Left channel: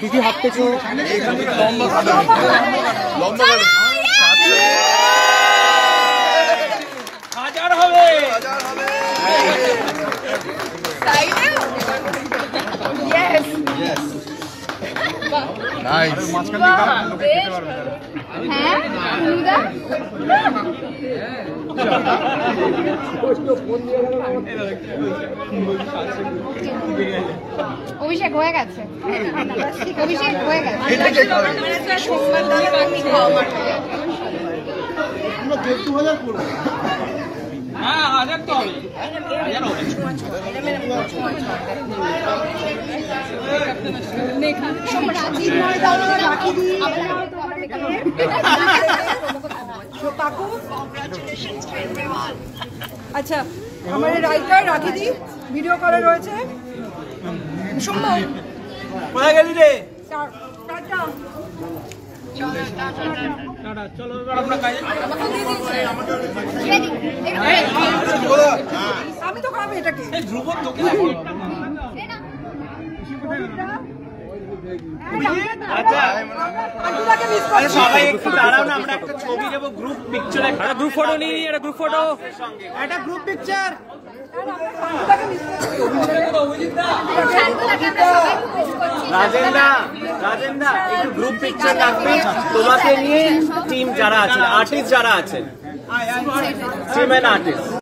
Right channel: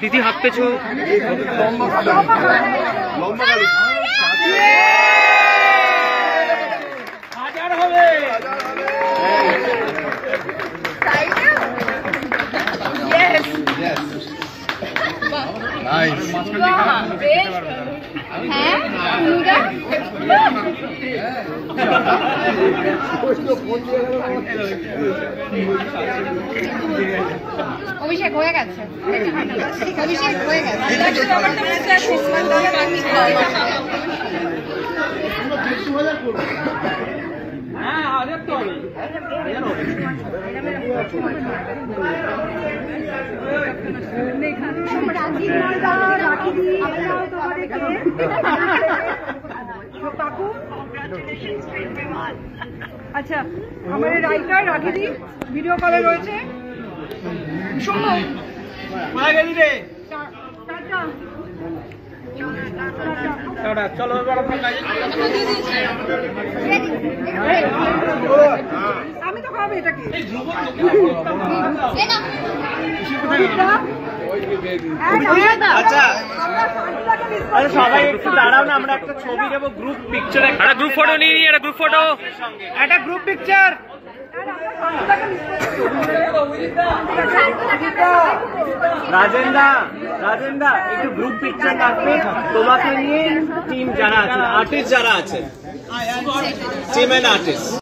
দিদি হাত পেছো লম্বা কাটো লম্বা কাটো হাজার হবে নাইস অভিষেক হয়ে গেছে অভিষেক হয়ে গেছে হ্যাঁ হাজার তো হবে হাজার হবে আচ্ছা আমার রাইটার রাখি দি ভিডিও কলে রয়েছে সম্ভব কোথায় গেলি রে চলো আমি তো খাবো এটাকে সবাই একটু দাঁড়াও না আমরা একটা ছবি দেবো গ্রুপ পিকচার একটা গ্রুপ ফটো নিয়ে একটা গ্রুপ ফটো একটা গ্রুপ পিকচার রাজেন্দা একটু গ্রুপ পিকচার রাখবে তোমাকে নিয়ে টিম যারা আছে আর্টিস্ট যারা আছে টিম এন্ড আর্টিস্ট